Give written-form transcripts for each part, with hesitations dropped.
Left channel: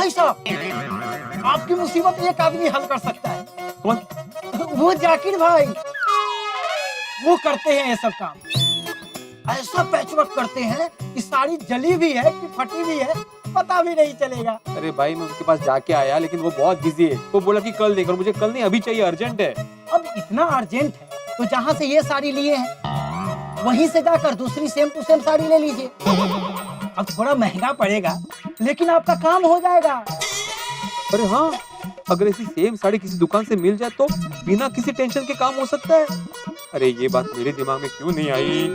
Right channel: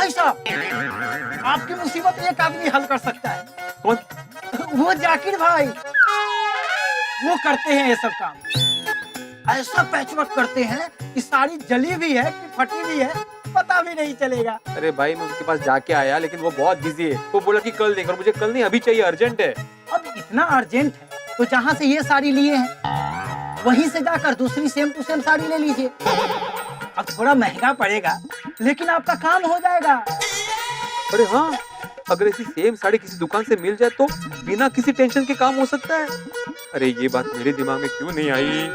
भाई साहब, आपकी मुसीबत एक आदमी हल कर सकता है। कौन? वो जाकिर भाई, वो करते हैं ये सब काम। ऐसा पैचवर्क करते हैं कि साड़ी जली भी है कि फटी भी है पता भी नहीं चलेगा। अरे भाई मैं उनके पास जाके आया, लेकिन वो बहुत बिजी है। वो बोला कि कल देख, और मुझे कल नहीं अभी चाहिए, अर्जेंट है। अब इतना अर्जेंट है तो जहाँ से ये साड़ी लिए हैं वहीं से जाकर दूसरी सेम टू सेम साड़ी ले लीजिए। अब थोड़ा महंगा पड़ेगा लेकिन आपका काम हो जाएगा। अरे हाँ, अगर ऐसी सेम साड़ी किसी दुकान से मिल जाए तो बिना किसी टेंशन के काम हो सकता है। अरे ये बात मेरे दिमाग में क्यों नहीं आई?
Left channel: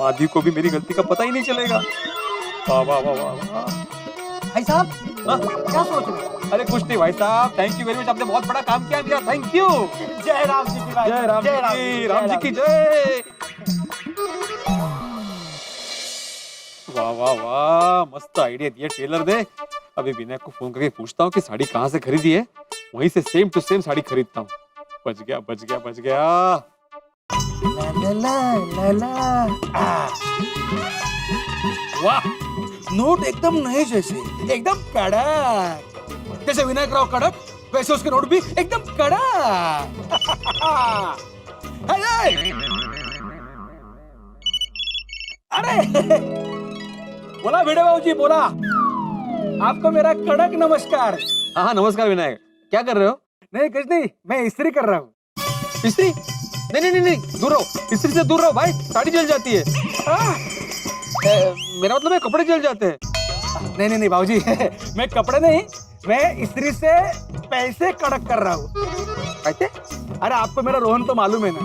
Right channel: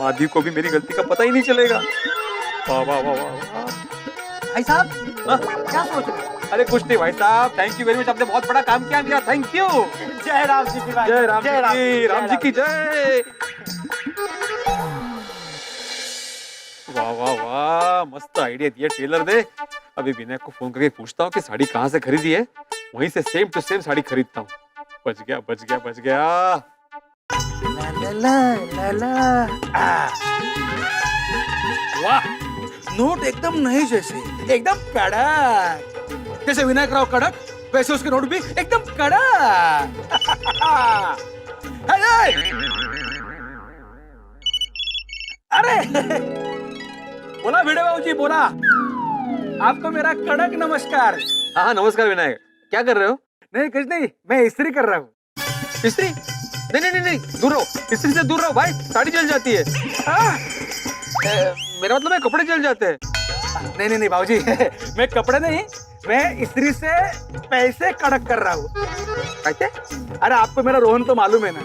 माधवी को भी मेरी गलती का पता ही नहीं चलेगा। वाह वाह वाह वाह। भाई साहब क्या सोच रहे हैं? अरे कुछ नहीं भाई साहब, थैंक यू वेरी मच, आपने बहुत बड़ा काम किया मेरा, थैंक यू। जय राम जी की भाई, जय राम जी, राम जी की जय। वाह वाह वाह, मस्त आइडिया दिया टेलर ने। अभी विनायक को फोन करके पूछता हूँ कि साड़ी कहाँ से खरीदी है, वहीं से सेम टू सेम साड़ी खरीदता हूँ। बच गया बच गया बच गया। ला ला ला ला ला। वाह, नोट एकदम नए जैसे, एकदम कड़क। जैसे विनायक राव कड़क, वैसे उसके नोट भी एकदम कड़क। अरे बोला भिड़े बाबू जी, बोला। आपको मेरा कड़क नमस्कार। हाँ नमस्कार विनायक, क्या कर रहे हो? नहीं कुछ नहीं, मैं इस्त्री कर रहा हूँ। इस्त्री? नहीं नहीं नहीं नहीं, दूर रहो, इस्त्री से दूर रहो भाई, साड़ी जल जाती है। मेरा मतलब है कपड़े जल जाते हैं। नहीं नहीं नहीं बाबूजी, मैं कपड़े नहीं, मैं इस्त्री से पैसे कड़क कर रहा हूँ। कैसे? अरे आपको मेरा रोहन तो मालूम है ना,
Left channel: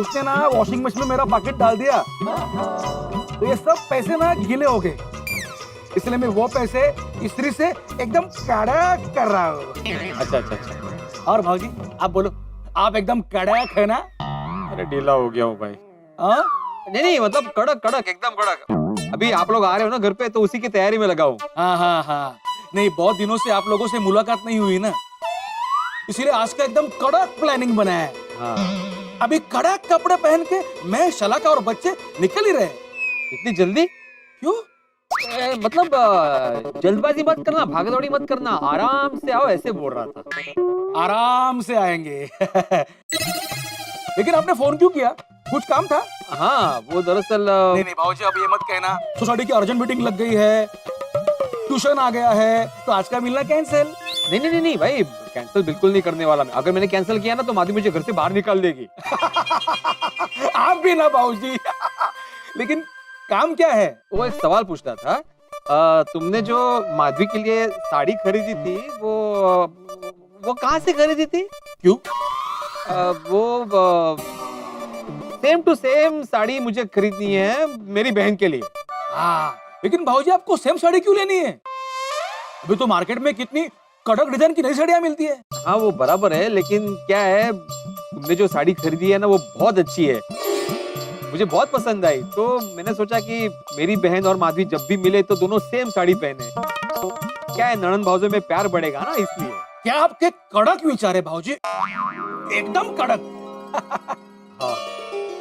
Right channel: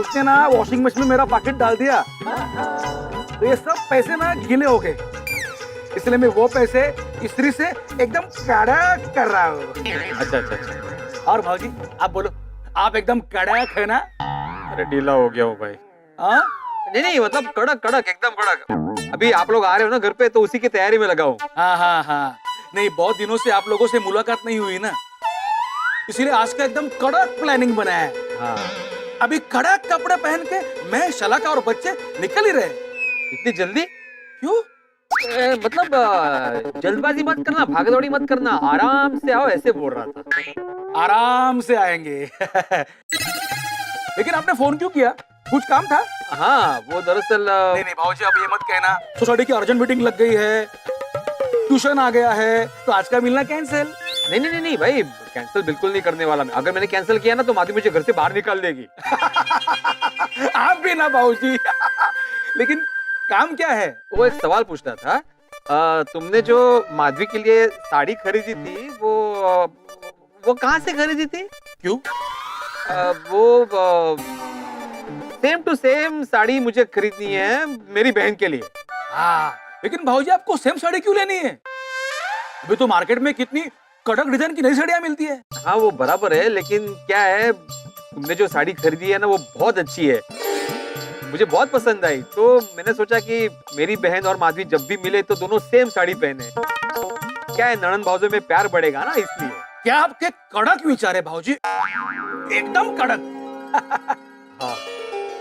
उसने ना वॉशिंग मशीन में मेरा पैकेट डाल दिया तो ये सब पैसे ना गीले हो गए, इसलिए मैं वो पैसे इस्त्री से एकदम कड़क कर रहा हूँ। अच्छा अच्छा अच्छा। और भाजी आप बोलो, आप एकदम कड़क है ना? अरे ढीला हो गया हूँ भाई। हाँ नहीं नहीं, मतलब कड़क कड़क एकदम कड़क। अभी आप लोग आ रहे हो ना घर पे, तो उसी की तैयारी में लगा हूँ। हाँ हाँ हाँ, नहीं बहुत दिनों से आप लोगों से मुलाकात नहीं हुई ना, इसीलिए आज का एकदम कड़क प्लानिंग बनाया है। हाँ। अभी कड़क कपड़े पहन के मैं, शलाका और बच्चे निकल ही रहे। इतनी जल्दी क्यों? मतलब जल्दबाजी मत करना, भागदौड़ी मत करना, आराम से आओ, ऐसे बोल रहा था। आराम से आएंगे। लेकिन आपने फोन क्यों किया? कुछ काम था? हाँ वो दरअसल नहीं नहीं भाजी, अब ये मत कहना, सोसाइटी की अर्जेंट मीटिंग लग गई है, ट्यूशन आ गया है, तो आज का मिलना कैंसिल। नहीं नहीं नहीं नहीं भाई, कैंसिल बिल्कुल नहीं करने वाला मैं। अगर मैंने कैंसिल किया ना तो माधवी मुझे घर से बाहर निकाल देगी। आप भी ना बाबूजी। लेकिन काम क्या है? वो एक सवाल पूछना था। तुमने जो माधवी के लिए साड़ी खरीदी थी, वो कहाँ से खरीदी थी? क्यों? वो सेम टू सेम साड़ी मुझे खरीदनी है मेरी बहन के लिए। हाँ, लेकिन भाऊजी आपको सेम साड़ी क्यों लेनी है? अभी तो मार्केट में कितनी कड़क डिजाइन की नई साड़ियां मिलती है। हाँ वो बराबर है, लेकिन क्या है, तुमने जो साड़ी खरीदी है ना वो बहुत अच्छी है, मुझे बहुत पसंद आई। तो मैंने सोचा कि मेरी बहन और माधवी जब भी मिले तो दोनों सेम साड़ी पहने। क्या है, ननंद भाउजों में प्यार बढ़ेगा ना, इसलिए। क्या आपके कड़क विचार है भाऊजी, एकदम कड़क। हाँ,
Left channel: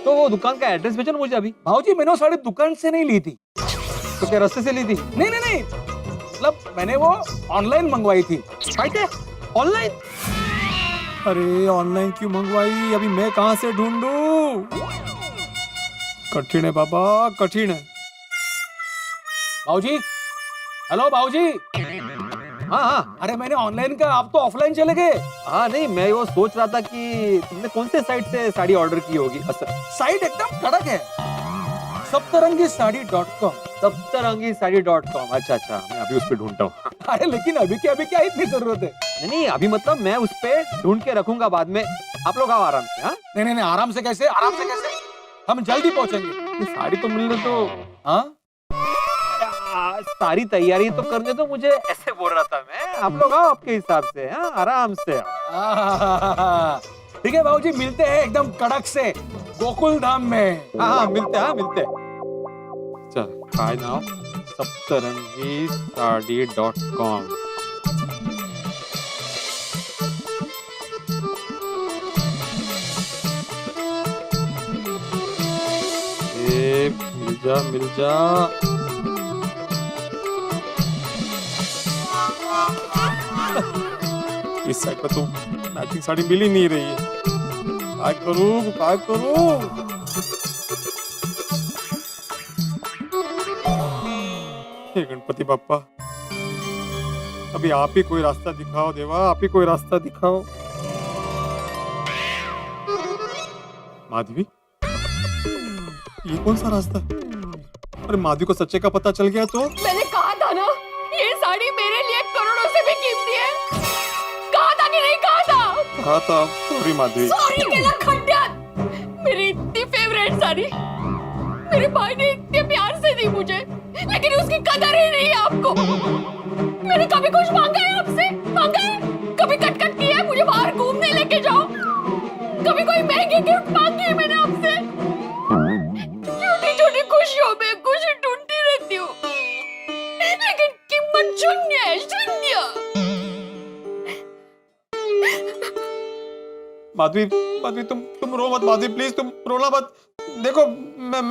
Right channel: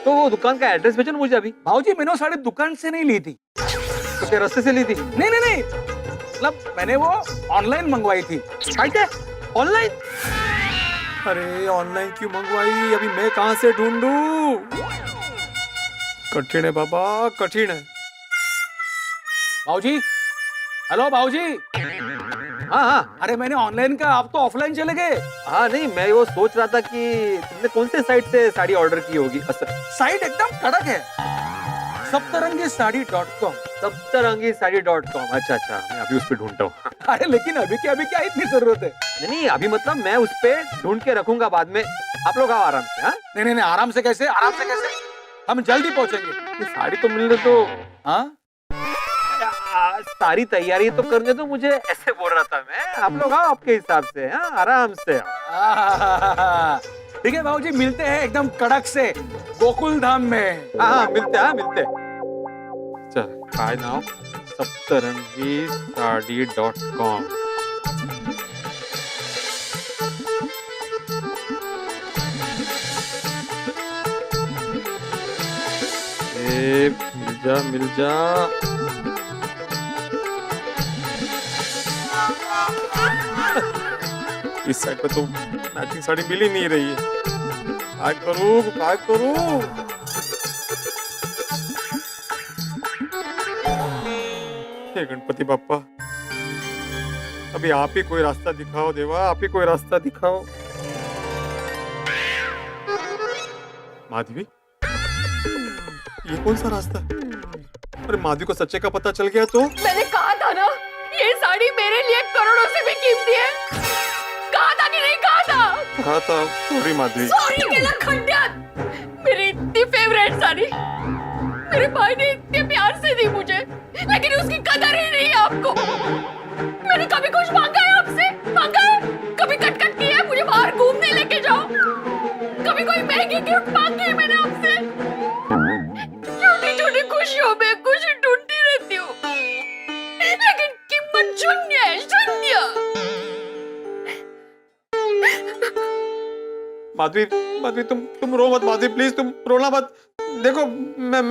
तो वो दुकान का एड्रेस भेजो ना मुझे अभी। भाऊजी मैंने वो साड़ी दुकान से नहीं ली थी। तो क्या रास्ते से ली थी? नहीं नहीं नहीं, मतलब मैंने वो ऑनलाइन मंगवाई थी। ऑनलाइन? अरे ऑनलाइन क्यों मंगवाई? अभी मैं कहाँ से ढूंढूं? कठिन है बाबा, कठिन है। भाऊजी, हेलो भाऊजी। हाँ हाँ। अरे मैंने ऑनलाइन का, आप तो ऑफलाइन चले गए। हाँ नहीं, मैं वो सोच रहा था कि तुमने कौन से साइट से साड़ी ऑर्डर की होगी। साइट एकदम कड़क है, सप्तरंगीसाड़ी.com। सप्तरंगीसाड़ी.com। अच्छा अच्छा, मैं अभी उस पे ढूंढता हूँ। अरे लेकिन अभी क्या इतनी जरूरत है? नहीं नहीं, अभी मतलब मैं उस पे ढूंढ के रखूंगा बाद में। आप लोग आओ आराम से। हाँ नहीं नहीं नहीं, आराम से कैसे, आराम से कैसे, हम जल्दी पहुंचेंगे। ये साड़ी तो मिलने तो। हाँ सारी तैयारी तो करने तो मुझे, ऐसे बोल रहा था मैं। आप लोग आओ आपके हिसाब से। हाँ आराम से आओ। ठीक है भाऊजी, मिलते हैं एकदम कड़क से गोकुल धाम में। हाँ मिलते हैं मिलते हैं। चल काय नाम, सप्तरंगीसाड़ी.com। मिल जा मिल जा। इस साइड पे तो मैचिंग साड़ी मिल ही नहीं रही है। काय करूं? हे गणपति बाप्पा, अभी आप ही कोई रास्ता दिखाओ देवा, आप ही कोई रास्ता दिखाओ। माधवी, ये कौन सा रास्ता है? अरे माधवी को सच्चे का पता चल गया तो? मैंने कहा था ना, ये साड़ी मेरे लिए करोड़ों से भी कीमती है। कहा था कि नहीं कहा था? कहा था। सॉरी माधवी। सॉरी केला खंडियात। मेरी इतनी फेवरेट साड़ी मेरे भाई ने इतने प्यार से दी मुझे, लेकिन उसकी कदर ही नहीं है आपको। मैंने कभी कुछ मांगा है आपसे? मांगा है? कभी कट किया है मुझे बाहर घूमने लेके जाओ? कभी कोई महंगी गिफ्ट मांगी है मैंने आपसे? छोटी छोटी खुशियों में खुशी ढूंढती रहती हूँ, लेकिन कीमत शून्य है, शून्य। माधवी तुम रो मत माधवी, प्लीज तुम रोना मत। देखो मैं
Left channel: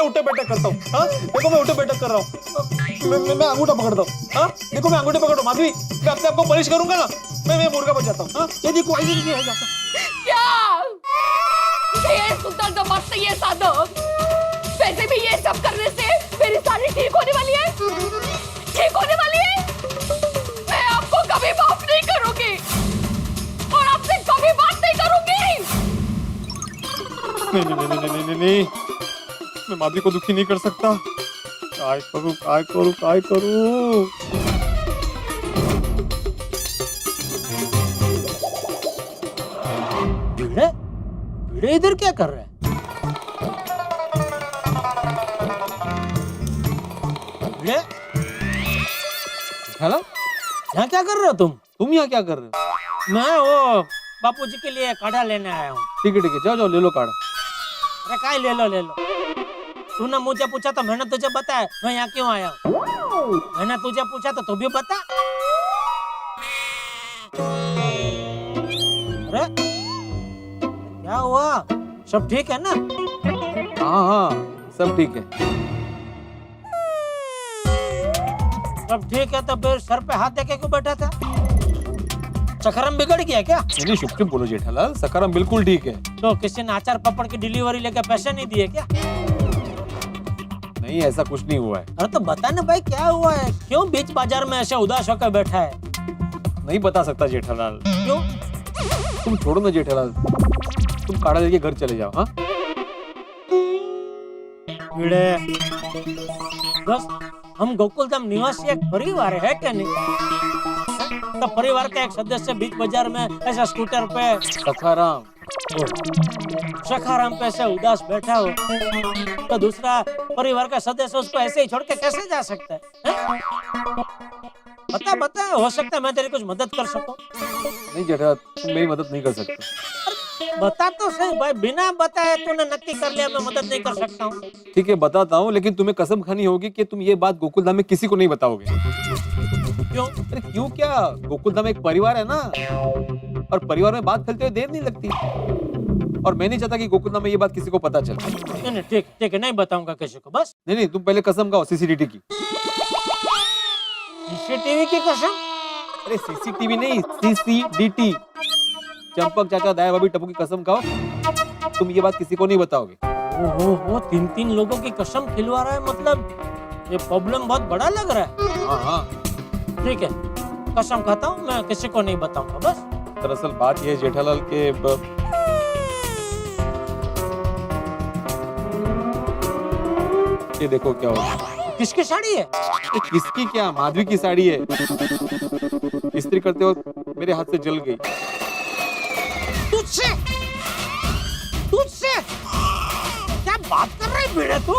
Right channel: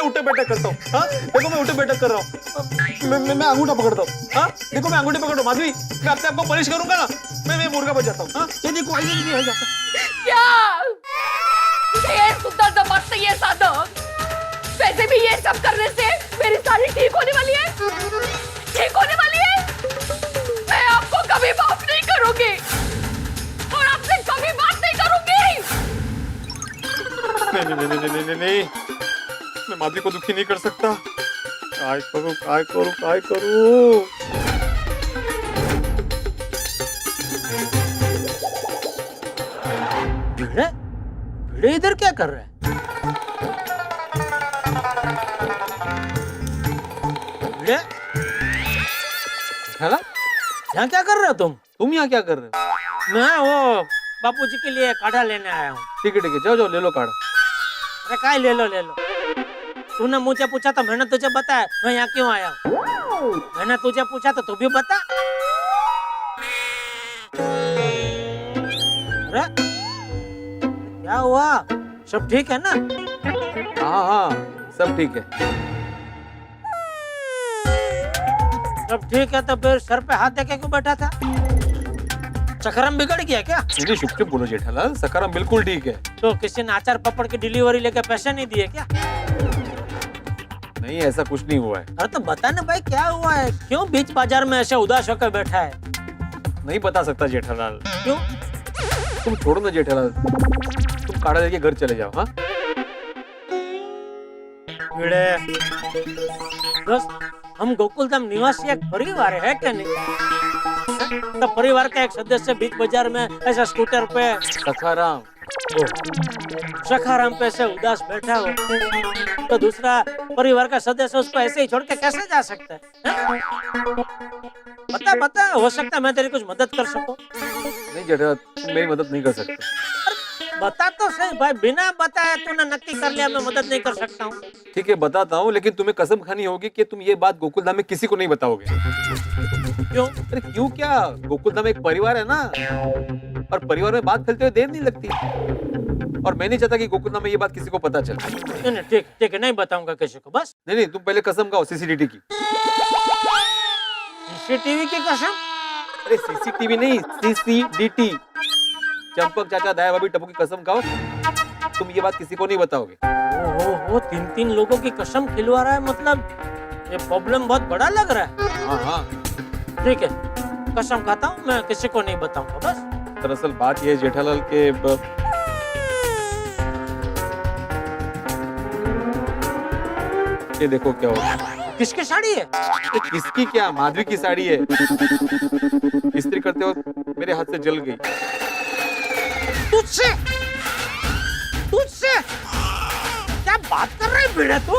उठे बैठक करता हूँ। हाँ देखो मैं उठे बैठक कर रहा हूँ। मैं अंगूठा पकड़ता हूँ। हाँ देखो मैं अंगूठे पकड़ माधवी, मैं अपने आपको पनिश करूंगा ना, मैं मुर्गा बच जाता हूँ। हाँ ये देखो क्या ये सुंदर दमाद ये साधक, वैसे भी ये सब करने से मेरी साड़ी ठीक होने वाली है, ठीक होने वाली है। मैं आपको कभी माफ नहीं करूंगी और आपसे कभी बात नहीं करूंगी। नहीं, मैं माधवी को दुखी नहीं कर सकता। काय करूं? भिड़े इधर क्या कर रहे हैं? भिड़े, हेलो, यहाँ क्या कर रहे हो तुम? तुम यहाँ क्या कर रहे हो? मैं वो बापूजी के लिए काढ़ा लेने आया हूँ। ठीक है जाओ ले लो काढ़ा। अरे काय ले लो। तूने मुझे पूछा तो मैंने तुझे बताया मैं यहाँ क्यों आया हूँ। मैंने तुझे पूछा तो तू भी बता। अरे क्या हुआ? सब ठीक है ना? हाँ सब ठीक है। सब ठीक है तो फिर सर पे हाथ देके क्यों बैठा था? चक्करम बिगड़ गया क्या? नहीं चुप बोलो जेठालाल, सकाराम बिल्कुल ठीक है। तो किसी ने अचार पापड़ की डिलीवरी लेके पैसे नहीं दिए क्या? नहीं ऐसा कुछ नहीं हुआ है। अरे तो बता ना भाई क्या हुआ है? क्यों बीच बाजार में ऐसे उदास होकर बैठा है? नहीं बता सकता जेठालाल। क्यों? तुम छोड़ो ना जेठालाल, तुम काढ़ा लेके घर चले जाओ। हाँ दोस्त, हम गोकुलधाम निवासी एक परिवार है क्या नहीं? तो परिवार का एक सदस्य बीच बाजार में ऐसा स्कूटर पे सखाराम पे ऐसे उदास बैठा हो तो दूसरा परिवार का सदस्य उसको ऐसे ही छोड़ के कैसे जा सकता है? बता, हो सकता है मैं तेरी कुछ मदद कर सकूं। नहीं जेठालाल, तुम मेरी मदद नहीं कर सकते। बता तो सही भाई, बिना बताए तूने नक्की कर लिया मैं मदद नहीं कर सकता हूँ। ठीक है बताता हूँ, लेकिन तुम्हें कसम खानी होगी कि तुम ये बात गोकुलधाम में किसी को नहीं बताओगे। क्यों? अरे क्यों क्या, गोकुलधाम एक परिवार है ना, और परिवार में बात फैलते हुए देर नहीं लगती। और मैं नहीं चाहता कि गोकुलधाम में ये बात किसी को पता चले। नहीं ठीक है, नहीं बताऊंगा किसी को बस। नहीं तुम पहले कसम खाओ सीसीटीवी की। सीसीटीवी की कसम? अरे सीसीटीवी नहीं, सीसीडीटी। चंपक चाचा दाया भाभी टप्पू की कसम खाओ, तुम ये बात किसी को नहीं बताओगे। ओहो, 3 लोगों की कसम खिलवा रहा है, मतलब ये प्रॉब्लम बहुत बड़ा लग रहा है। हाँ ठीक है, कसम खाता हूँ मैं किसी को नहीं बताऊंगा बस। दरअसल बात ये है जेठालाल के ये देखो क्या हो। किसकी साड़ी है? किसकी क्या, माधवी की साड़ी है। इस्त्री करते वक्त मेरे हाथ से जल गई। तुझसे क्या बात कर रहे भिड़े तू?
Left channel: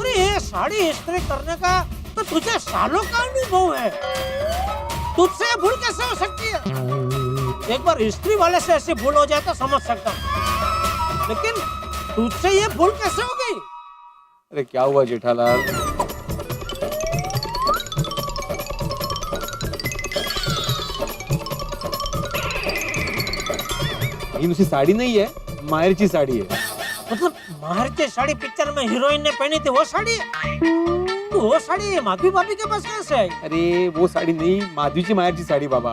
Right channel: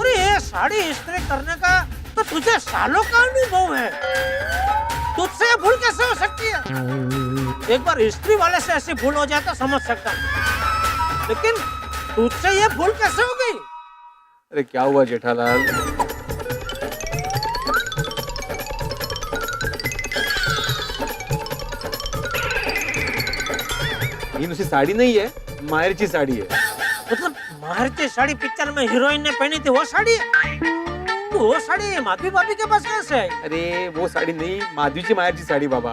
अरे ये साड़ी इस्त्री करने का तो तुझे सालों का अनुभव है, तुझसे ये भूल कैसे हो सकती है? एक बार इस्त्री वाले से ऐसी भूल हो जाए तो समझ सकता हूँ, लेकिन तुझसे ये भूल कैसे हो गई? अरे क्या हुआ जेठालाल? ये उसी साड़ी नहीं है, मायरची साड़ी है। मतलब माहिर की साड़ी पिक्चर में हीरोइन ने पहनी थी वो साड़ी है? तू वो साड़ी माधवी भाभी के पास कैसे आई? अरे वो साड़ी नहीं, माधवीची माहेरची साडी बाबा.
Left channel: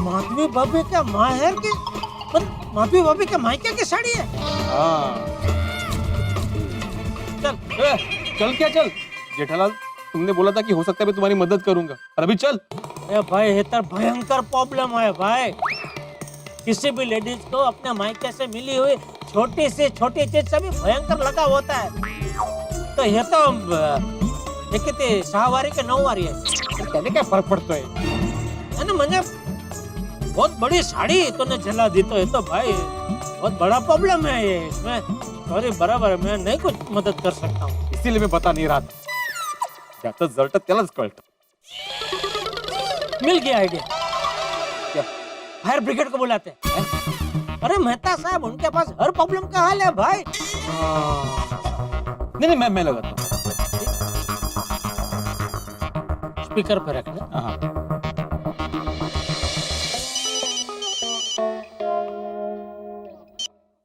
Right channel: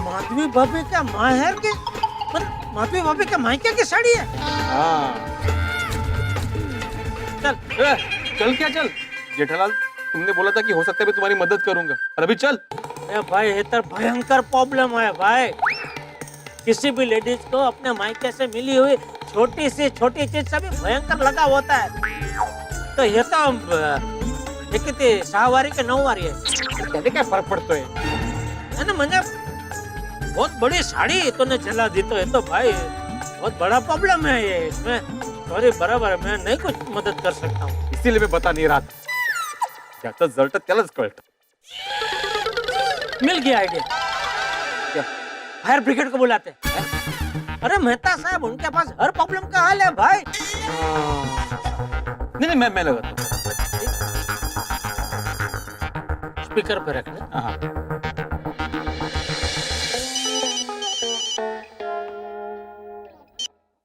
माधवी भाभी का माहेर की, माधवी भाभी के मायके की साड़ी है? हाँ. चल. चल क्या चल? जेठालाल, तुमने बोला था कि हो सकता है मैं तुम्हारी मदद करूंगा, और अभी चल. ए भाई, ये तो भयंकर प्रॉब्लम है भाई. किसी भी लेडीज को अपने मायके से मिली हुई छोटी से छोटी चीज से भी भयंकर लगाव होता है. तो ये तो ये किती 6 वारी के 9 वारी है. त्याने काय फरक पडतोय? है ना, म्हणजे बहुत बड़ी साड़ी तूने जला दी, तो ये तो भाई बहुत बड़ा प्रॉब्लम है ये. इसमें सॉरी, बराबर है, मैं नहीं कुछ मदद कर सकता हूँ. इसीलिए मैं बता नहीं रहा था. ज्याचं जळतं त्यालाच कळतं. मिल गया आइडिया. क्या? फायर ब्रिगेड को बुलाते हैं. अरे मेहता साहब, उनके पास हर प्रॉब्लम का हल है भाई. नहीं मैं लगाता हूँ. स्पीकर पे रखना. हाँ.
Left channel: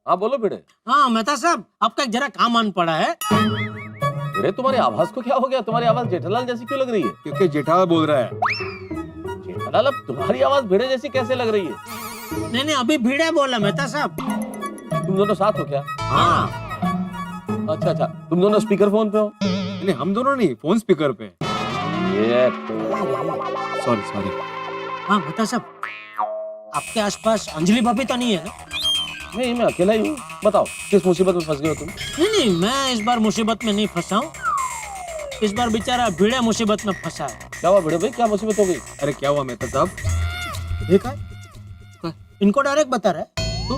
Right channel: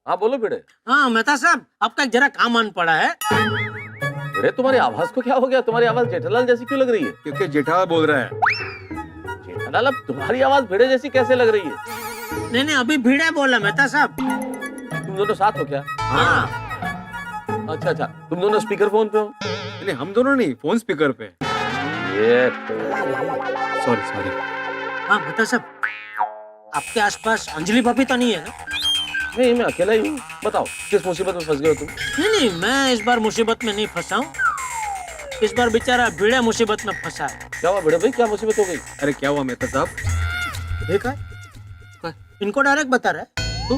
हाँ बोलो भिड़े. हाँ मेहता साहब, आपका एक जरा काम आन पड़ा है. भिड़े तुम्हारी आवाज को क्या हो गया? तुम्हारी आवाज जेठालाल जैसी क्यों लग रही है? क्योंकि जेठालाल बोल रहा है. जेठालाल, अब तुम्हारी आवाज भिड़े जैसी कैसे लग रही है? नहीं, अभी भीड़े बोला मेहता साहब. तुम दोनों साथ हो क्या? हाँ. अच्छा, तुम दोनों स्पीकर फोन पे हो? नहीं, हम दोनों नहीं, फोन स्पीकर पे. ये सॉरी. हाँ मेहता साहब, आपके आसपास अंजलि भाभी तो नहीं है ना? नहीं, मैं अकेला ही हूँ. बताओ किस मुसीबत में फंस गए हो तुम? नहीं, मैं इस बार मुसीबत में नहीं फंसा हूँ. इस बार बेचारा भीड़े मुसीबत में फंसा है. क्या हुआ भिड़े भाई, क्या मुसीबत हो गई? अरे क्या हुआ मेहता साहब? ठीक है, इनको डायरेक्ट बता रहा है तू?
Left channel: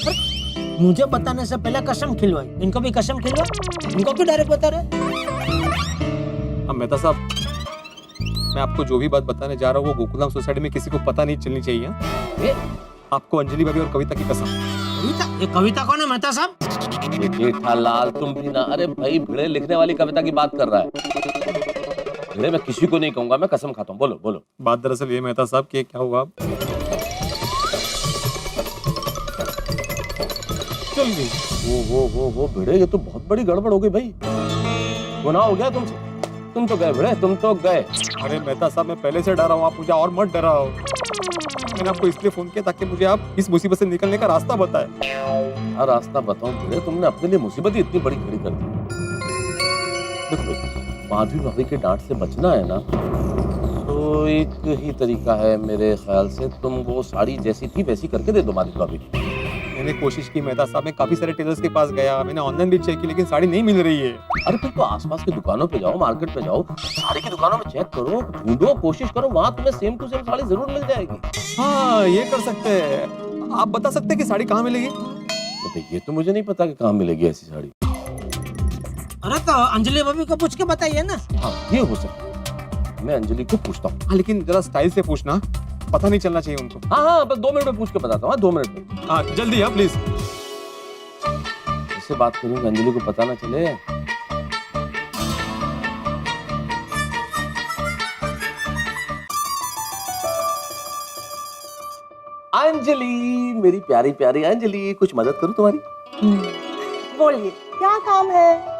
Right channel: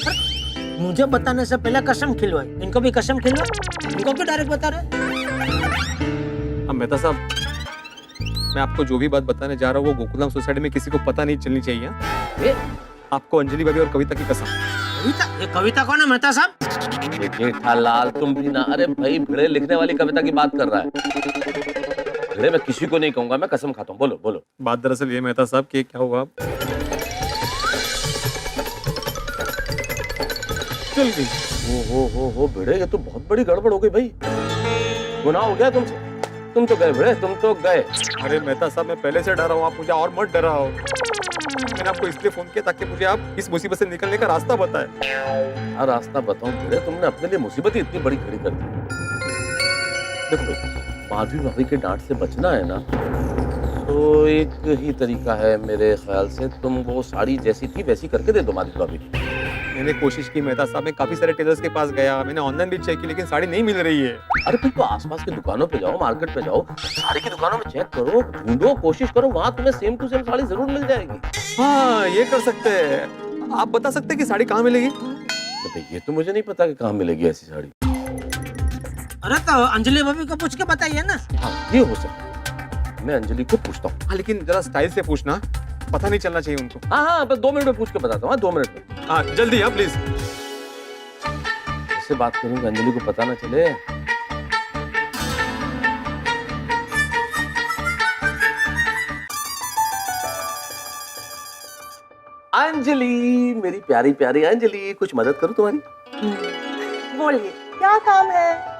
अरे, मुझे बताने से पहले कसम खिलवाई, इनको भी कसम खिलवाई. इनको क्यों डायरेक्ट बता रहे? अब मेहता साहब, मैं आपको जो भी बात बताने जा रहा हूँ वो गोकुलधाम सोसाइटी में किसी को पता नहीं चलनी चाहिए. ये आपको अंजलि भाभी और कविता की कसम. कविता? ये कविता कौन है मेहता साहब? ये जेठालाल तुम भी ना. अरे भाई, भिड़े लिखने वाली कविता की बात कर रहा है. भिड़े मैं किसी को नहीं कहूंगा, मैं कसम खाता हूँ. बोलो. बात दरअसल ये मेहता साहब कि क्या हुआ, चल गई. हो भिड़े, ये तो बहुत बड़ी गड़बड़ हो गई भाई. गुनाह हो गया तुमसे. तुम तो गए भिड़े, तुम तो गए. अरे मेहता साहब, मैं पहले से डरा हूँ, आप मुझे और मत डराओ. मैंने आपको इसलिए फोन किया ताकि मुझे आप इस मुसीबत से निकलने का रास्ता बताएं. हाँ, रास्ता बताऊं भिड़े? तुमने अपने लिए मुसीबत ही इतनी बड़ी खड़ी कर दी. देखो भाई, माधवी भाभी के डांट से बचना है ना, तो एक ही तरीका है मेरे ख्याल से. तुम वो साड़ी जैसी थी वैसी करके दे दो माधवी भाभी को. मैंने कोशिश की मेहता साहब, मैं काफी सारे टेलर्स के पास गया, मैंने ऑनलाइन भी चेक की, लेकिन साड़ी नहीं मिल रही है. अरे फिर तो आसपास की दुकानों पे जाओ, मार्केट पे जाओ, साड़ी की दुकानों में चेक करो, ढूंढो, कोशिश करो, वहां तुम्हें सेम टू सेम साड़ी जरूर मिल जाएगी. हाँ, ये कर सकते हैं. आप बता सकते हैं कि साड़ी कहाँ मिलेगी? तो ये तो मुझे नहीं पता कि कहाँ मिलेगी ऐसी साड़ी. अरे तो अंजलि भाभी को पूछ के बताइए ना. हाँ, ये हो सकता है. मैं अंजलि को पूछता हूँ. हाँ, लेकिन जरा स्टाइल से पूछना, पता नहीं चलना चाहिए उनको. हाँ, बस 2 मिनट में पूछ के बताता हूँ. हाँ, 2 मिनट में. हाँ, जल्दी हाँ प्लीज. ऐसे बात करूंगा अंजलि को पता ना चले. अंजलि, मेरी प्यारी प्यारी अंजलि, कुछ मदद करूं तुम्हारी? बोलिए, क्या काम है?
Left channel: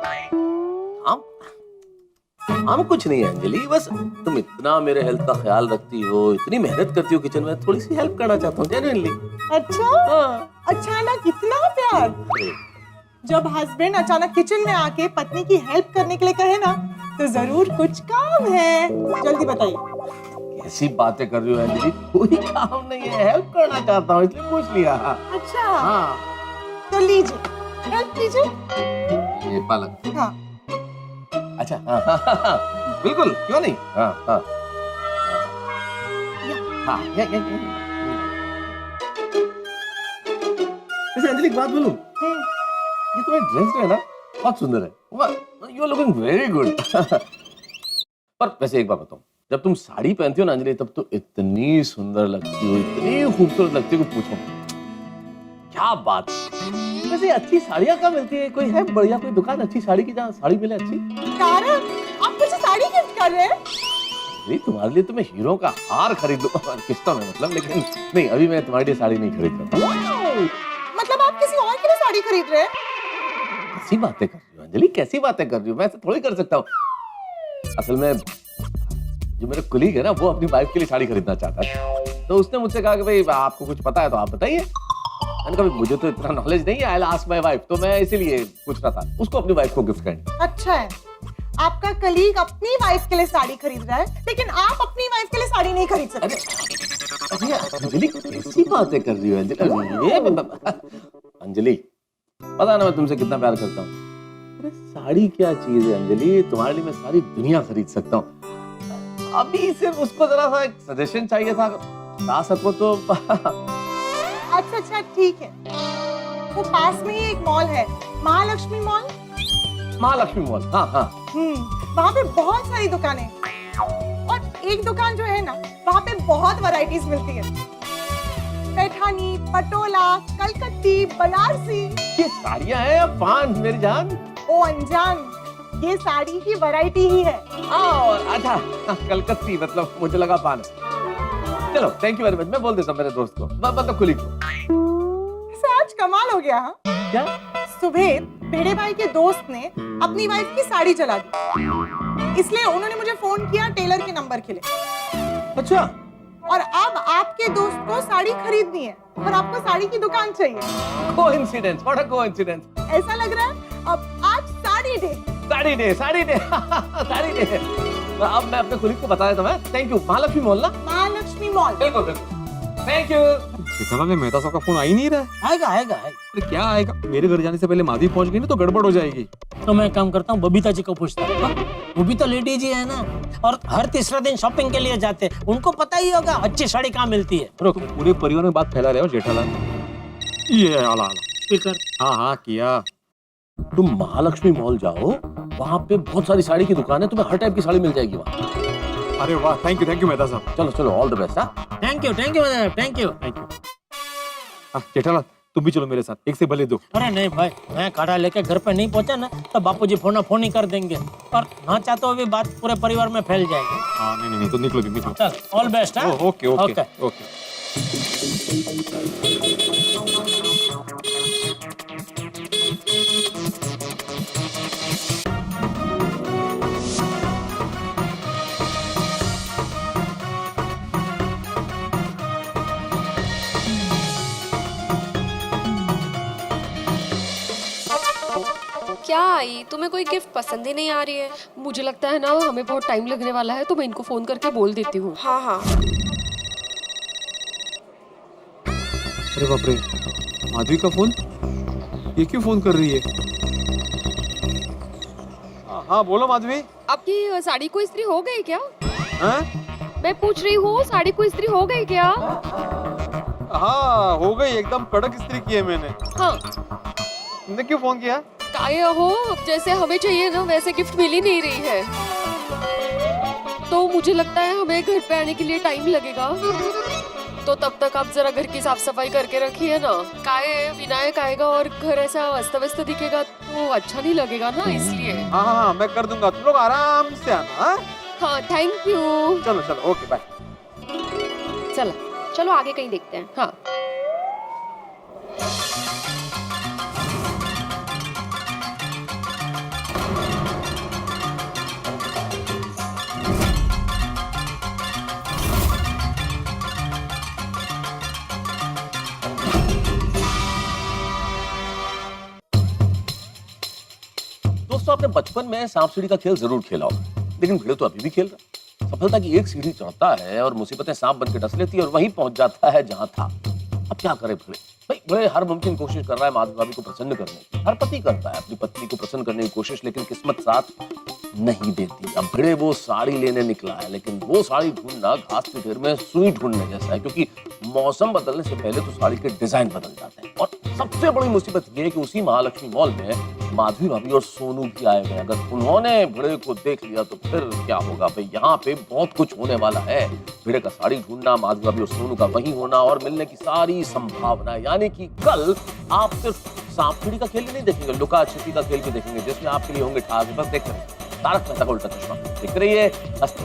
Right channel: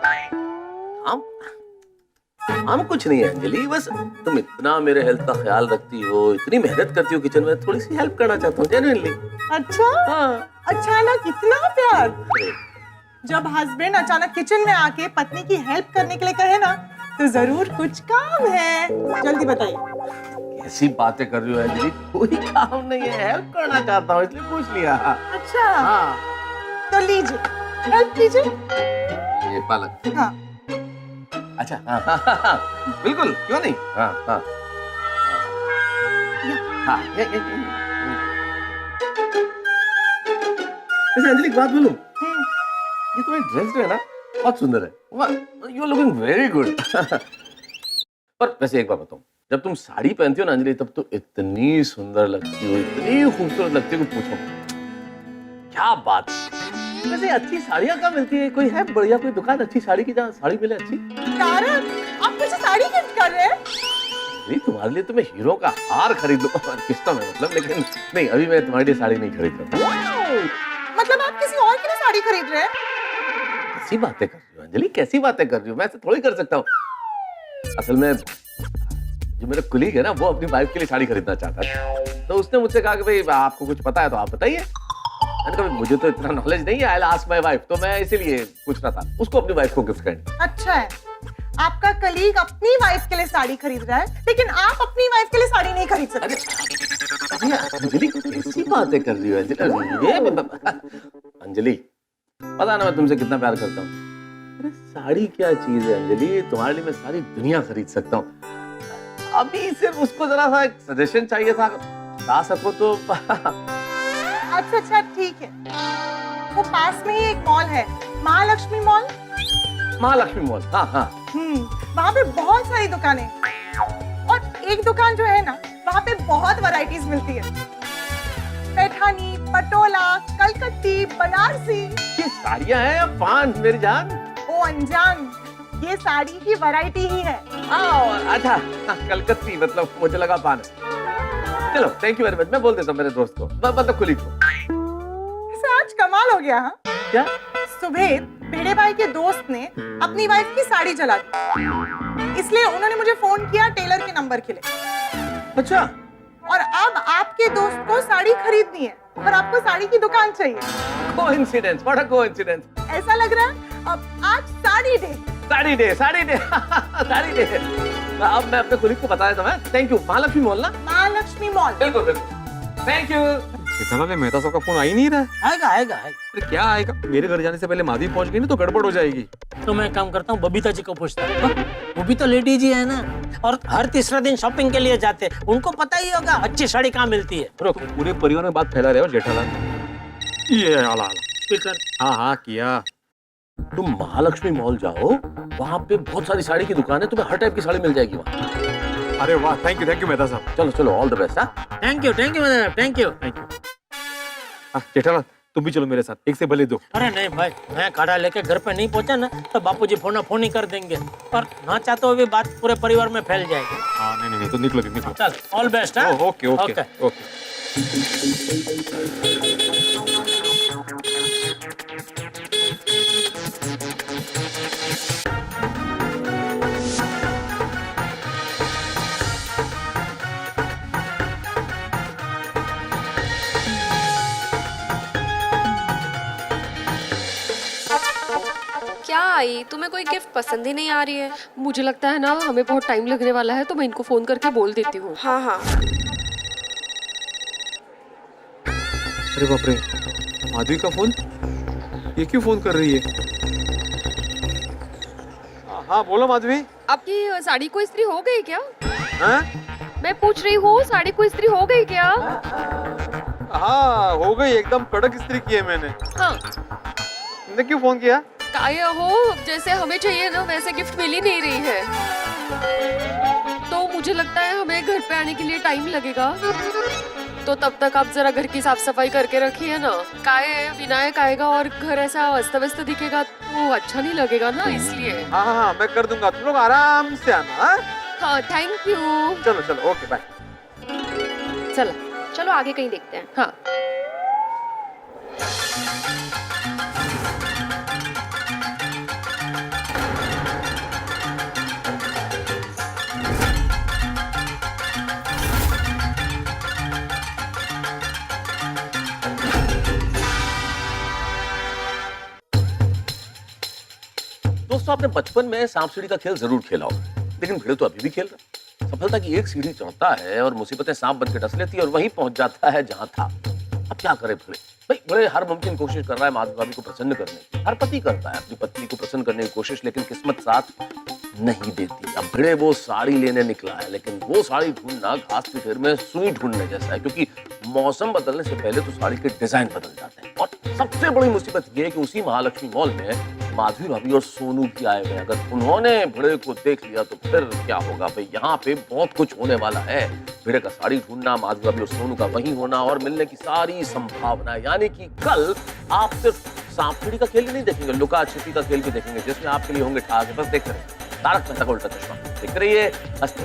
हम कुछ नहीं है अंजलि, बस तुम इतना मेरे हेल्थ का ख्याल रखती हो, इतनी मेहनत करती हो किचन में, थोड़ी सी हेल्प करना चाहता हूँ जेन्युइनली. अच्छा, हाँ. अचानक इतना प्यार? अरे, जब हस्बैंड अचानक किचन में आके पत्नी की हेल्प करने के लिए कहे ना, तो जरूर कुछ काम है. जल्दी बताइए. कैसी बातें कर रही हो अंजलि? कोई काम नहीं है, हेल्प करना चाहता हूँ इसलिए पूछ लिया. अच्छा, हाँ. तो लीजिए, हेल्प कीजिए. ये पालक. हाँ. अच्छा, हाँ, बिल्कुल, क्यों नहीं. हाँ. ये. वैसे अंजलि एक बात बोलूं, ये तुम्हारी ड्रेस जो है ना बहुत सुंदर है. You are looking very good. पर वैसे एक बात बताऊं, जब तुम साड़ी पहनती हो ना अंजलि, तब तो इतनी सुंदर लगती हो, इतनी खूबसूरत लगती हो कि पूछो क्या बात. वैसे अच्छी साड़ियाँ कहाँ मिलती है? कोई है बढ़िया कोई दुकान अच्छी साड़ी की जहाँ साड़ी मिले अच्छी? तारक, आप मुझे साड़ी गिफ्ट कर रहे हैं? नहीं, तुम्हारे लिए तो मैं हीरो का हार खरीद लूं किस्तों में, मतलब. लेकिन नहीं, अभी मैं तुम्हारे लिए साड़ी नहीं खरीद रहा. मतलब आप किसी और के लिए साड़ी खरीद रहे हैं? कैसी बातें कर रही हो अंजलि, कैसी बातें कर रही हो? मैं ऐसे थोड़ी कर सकता हूँ। असल में जो मेरा कुलीग है ना, वो अपनी वाइफ के लिए साड़ी खरीदना चाहता है, तो उसने मुझसे कहा कि भाई आपको कुछ पता है तो आप बताइए। मैंने कहा मुझे तो इतना नॉलेज नहीं है, I will ask my wife, तो मैं इसीलिए पूछ रहा था उसको अपनी वाइफ को गिफ्ट करने। अच्छा है, आपका कलीग अपनी वाइफ के लिए साड़ी खरीद रहा है, लेकिन आप अपनी वाइफ के लिए साड़ी नहीं खरीद सकते। अरे अंजलि कैसी बातें कर रही हो अंजलि? ये अंजलि, पता है ना मैं तुमसे कितना प्यार करता हूँ। अरे साड़ी क्या चीज है अंजलि, तुम्हारे लिए मैं सारी दुनिया खरीद सकता हूँ। अभी सिर्फ उसको जरा सा एक सजेशन चाहिए था, बता सको तो। अच्छा ठीक है, वो पास में ही एक मॉल है, महालक्ष्मी मॉल। महालक्ष्मी मॉल, हाँ हाँ। वहाँ पे बहुत सारी दुकानें, और एक दुकान जो है ना, वहाँ पे बहुत वैरायटीज मिलती है। पैठानी, पटोला, कलकत्ती, बनारसी। ये साड़ियाँ हैं या पान मेरी जान? ओ अनजान, ये साड़ी की वैरायटी ही है। अच्छा, कलकत्ती मतलब मुझे लगा पान। चलो थैंक यू वेरी मच, मैं बोल देता हूँ मेरे दोस्त को, मतलब कुलीग को। आज कमाल हो गया। हाँ क्या? सुबह भेड़े भाई के दोस्त ने अपनी वाइफ की साड़ी जला दी, इसलिए उन्होंने मुझे फोन किया टेलर के नंबर के लिए। अच्छा, और अब आपके दोस्त को साड़ी खरीदनी है और आपको साड़ी की दुकान चाहिए। Coincidence, what a coincidence. ऐसा लग रहा है अब आज sari day. Sari day, sari day, sari day. अब मैं अपने कुलीग को बता देता हूँ। Thank you. महालक्ष्मी मॉल ना? महालक्ष्मी मॉल। बिल्कुल बिल्कुल, थैंक यू। जेठालाल, मेहता साहब का फोन आ ही नहीं रहा है। आएगा आएगा आएगा। अरे क्या आएगा? मेरे घर जाने से पहले माधवी पहुंच गई ना तो गड़बड़ हो जाएगी। तो मैं काम करता हूँ, बबीता जी को पूछता हूँ। वो भी तो लेडी जी है ना, और हर तीसरा दिन शॉपिंग के लिए जाते हैं, उनको पता ही होगा अच्छी साड़ी कहाँ मिलती है। तुम पूरे परिवार में बात फैला रहे हो जेठालाल। ये आला आला स्पीकर। हाँ किया। तुम महालक्ष्मी मॉल जाओ, वहाँ पे बहुत सारी साड़ी की दुकान है, तुम्हें हर टाइप की साड़ी मिल जाएगी वहाँ। अरे वाह, थैंक यू मेहता साहब। चलो चलो, ऑल द बेस्ट। हाँ, thank you thank you. Jethalal तुम भी चलो मेरे साथ, एक से भले दो। अरे नहीं भाई, मैं काढ़ा लेके घर पे नहीं पहुंचा ना तो बापूजी फोन ही कर देंगे, और ना चाहते हुए भी बात पूरे परिवार में फैल जाएगी। हाँ नहीं तो निकलो। चल, ऑल बेस्ट। ओके। क्या आई, तुम्हें कोई गिफ्ट पसंद ही नहीं आ रही है? मुझे लगता है ना हमें बहुत टाइम लगने वाला है, तो मैं इनको फोन करके बोल देती हूँ। हाँ। अरे बाप रे, माधवी का फोन, ये क्यों फोन कर रही है? हाँ बोलो माधवी। आपकी साड़ी को इस्त्री हो गई क्या? हाँ मैं पूछ रही हूँ, साड़ी को इस्त्री हो गई क्या? हाँ हो गई, एकदम कड़क इस्त्री की है मैंने। हाँ। तुमने क्यों फोन किया? काया हो, जैसे हमें चाहिए ना वैसे गिफ्ट मिल ही नहीं रही है, तो मुझे लगता है हमें घर पे आने के लिए टाइम लगेगा, तो तब तक आप जरा घर की साफ सफाई करके रखिए ना। काहे विनायक आएगा और घर ऐसा अस्त व्यस्त दिखेगा तो अच्छा नहीं लगेगा ना, इसलिए। हाँ मैं कर दूंगा, तुम लोग आराम से आना। हाँ थैंक यू। चलो ओके बाय। चलो आगे कहीं देखते हैं। हाँ। दोस्तों, आपने बचपन में सांप सीढ़ी का खेल जरूर खेला होगा, लेकिन भिड़े तो अभी भी खेल रहा है। सफलता की एक सीढ़ी चढ़ता है और मुसीबतें सांप बन के डस लेती है और वहीं पहुंच जाता है जहां था। अब क्या करे भिड़े? भाई भिड़े हर मुमकिन कोशिश कर रहा है माधवी भाभी को प्रसन्न करने की। हर पति करता है अपनी पत्नी को प्रसन्न करने की कोशिश, लेकिन किस्मत साथ नहीं देती। अब भिड़े वो साड़ी लेने निकला है, लेकिन वो साड़ी ढूंढना घास के ढेर में सुई ढूंढने जैसा है, क्योंकि मौसम बदलने से पहले तो साड़ी के डिजाइन बदल जाते हैं। और सबसे बड़ी मुसीबत ये है कि उसी महालक्ष्मी मॉल में माधवी भाभी और सोनू भी आए हुए हैं। अगर उन्होंने भिड़े को देख लिया तो फिर क्या होगा भाई? यहाँ पे बहुत कुछ होने वाला है। भिड़े का साड़ी ढूंढना, माधवी भाभी और सोनू का वहीं होना और मिलने की सारी संभावना, यानी कि कल आप सिर्फ सांप सीढ़ी का खेल ही नहीं देखेंगे, लुका छिपी का खेल भी देखेंगे, जिसमें आपके लिए होंगे ठाक। बस देखते रहिए तारक मेहता का उल्टा चश्मा, देख रहिए, हंसते।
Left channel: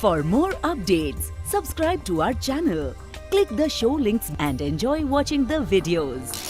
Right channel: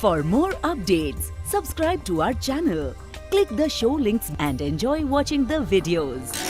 For more updates, subscribe to our channel, Click the show links and enjoy watching the videos.